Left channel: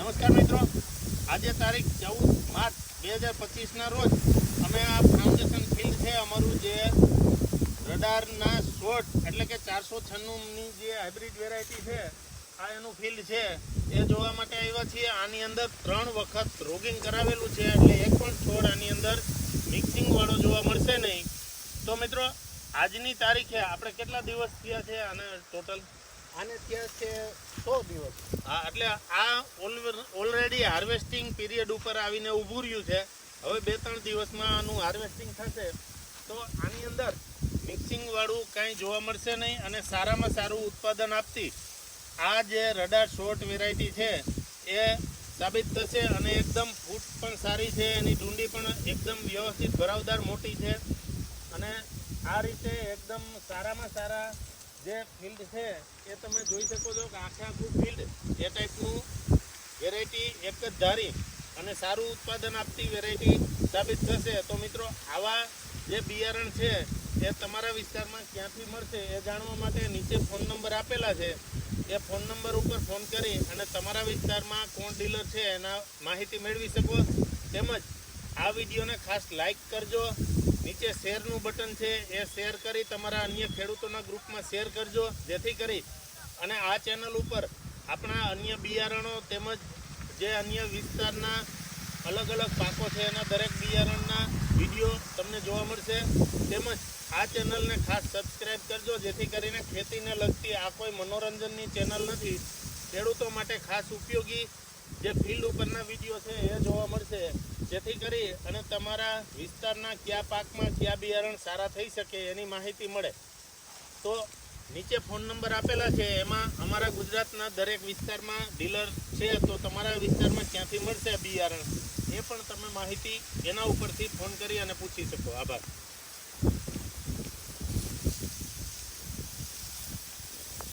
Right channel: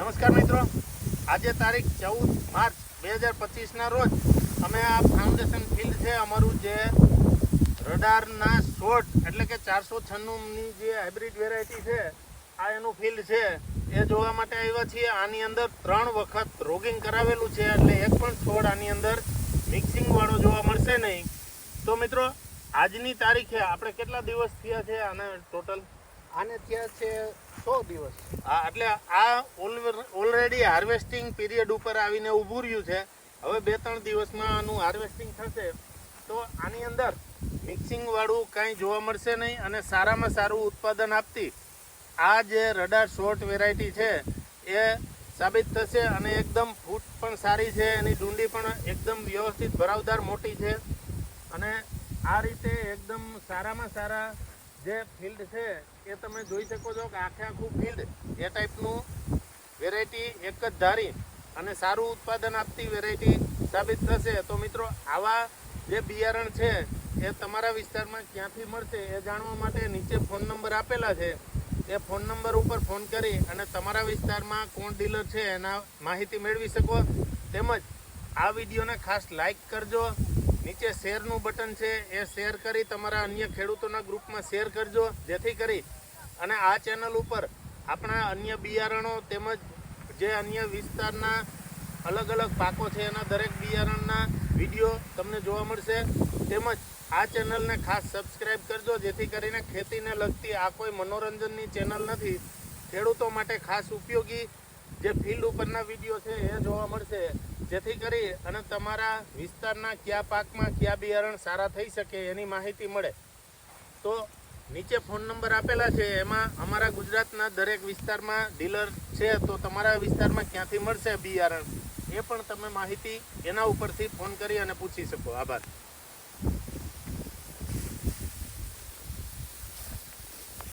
નમસ્કાર મિત્રો, આજે તારીખ 14 માર્ચ 2025ના રોજ અમે આ ફાઉન્ડેશન ફિલ્ડ છે અમારું જે રડારના શોર્ટ એટલે કે 496ની જે હાઇબ્રિડ વેરાયટી છે આ એનું ફિલ્ડ છે એ જોવા માટે આવ્યા છીએ. આની અંદર 3 વખત રોગિંગ કરાવેલું છે એટલે એક પણ છોડ આની અંદર મિક્સિંગ વાળો જોવા મળશે નહીં. તો મિત્રો આજની તારીખે આપણે કેટલા દિવસ થયા છે આને ટોટલ? આને ત્યાં છે 100 દિવસ. હા, એટલે આ ઓલરેડી હાર્વેસ્ટિંગ પીરિયડ ઉપર આવીને ઊભું રહ્યું છે. હવે 2-3 દિવસમાં આનું હાર્વેસ્ટિંગ થશે તો આની અંદર મિક્સિંગ વાળું કાંઈ જોવા મળશે નહીં અને સારામાં સારું ઉત્પાદન આપતી આ જે રડાર શોર્ટ વેરાયટી છે એ સાબિત થશે. અને એકદમ ફૂટ પણ સારી છે, એની ડુંડી પણ એકદમ વ્યવસ્થિત ભરાવદાર મોટી છે અને આ રીતે એકદમ સારામાં સારા જે ફિલ્ડ છે એ તમે જોઈ શકો છો કે આખું ફિલ્ડ એ ટાઈપનું વેરાયટી એક જ ધારી અને સારું ઉત્પાદન આપતી વેરાયટી સાબિત થશે. તો મિત્રો આવા જે બિયારણ છે એ તમારા વિસ્તારમાં ક્યાંથી મળશે એ જાણવા માટે નીચે ફોન નંબર આપેલા છે. એ ફોન નંબર ઉપર ફોન કરી અને તમારા વિસ્તારમાં કોણ ડીલર છે એના માહિતી મેળવી શકો. તેમજ આ વિડીયોને ખાસ લાઈક કરજો. નીચે શેરનું બટન છે એ શેર કરી તમારા અન્ય ખેડૂતોના ગ્રુપમાં શેર કરજો, જેથી કરી અને આ ચેનલ ઉપર આપણા અન્ય બિયારણો તેમજ જે અન્ય વિસ્તારના અલગ અલગ પાકો છે એના દરેક બિયારણના વિડીયો તમને જોવા મળશે. તેમજ આ ચેનલને ખાસ સબસ્ક્રાઈબ કરજો, જેથી કરીને ખેતીને લગતી આ કોઈ મનોરંજનની ચેનલ નથી. ખેડૂતો માટે ખાસ ઉપયોગી જે ફિલ્ડ ઉપરના વિડીયો છે એ જોવા મળશે, જેથી કરી અને તમારા વિસ્તારના કયા પાકમાં કયા બિયારણ સારા થઈ શકે એની માહિતી મળે. તો નીચે ફોન નંબર આપેલા છે એમાં અમારા ગુજરાતના દરેક વિસ્તારમાં ડીલર છે, તો તમારા વિસ્તારમાં ક્યાંથી મળશે બિયારણ એ પણ તમે માહિતી એના ઉપરથી ફોન કરી અને પૂછી શકો. આભાર.